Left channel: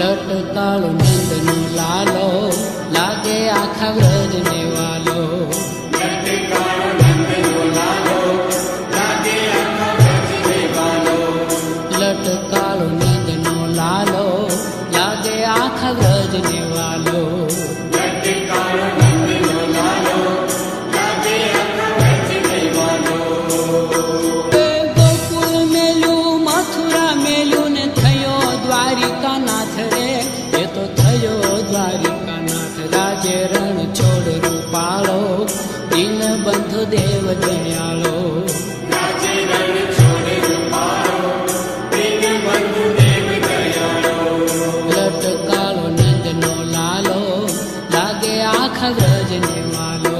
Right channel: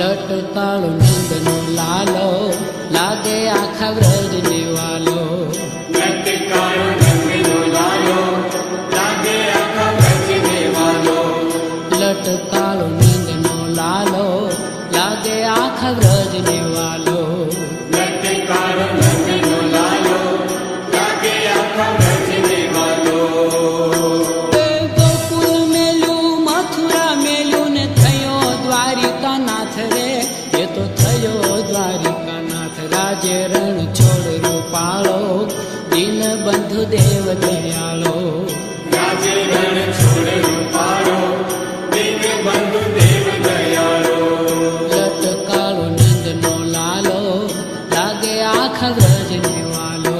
લટકાળો નંદનો લાલો લાગે આખા વ્રજને વાલો. લટકાળો નંદનો લાલો લાગે આખા વ્રજને વાલો. ગોકુળ મેલું મથુરા મેલું ને થયો દ્વારિકાનાથ રે, એ તો થયો દ્વારિકાનાથ. રાજે રણ છોડ રૂપાળો દીન બંધુ દેવ દયાળો. લટકાળો નંદનો લાલો લાગે આખા વ્રજને વાલો.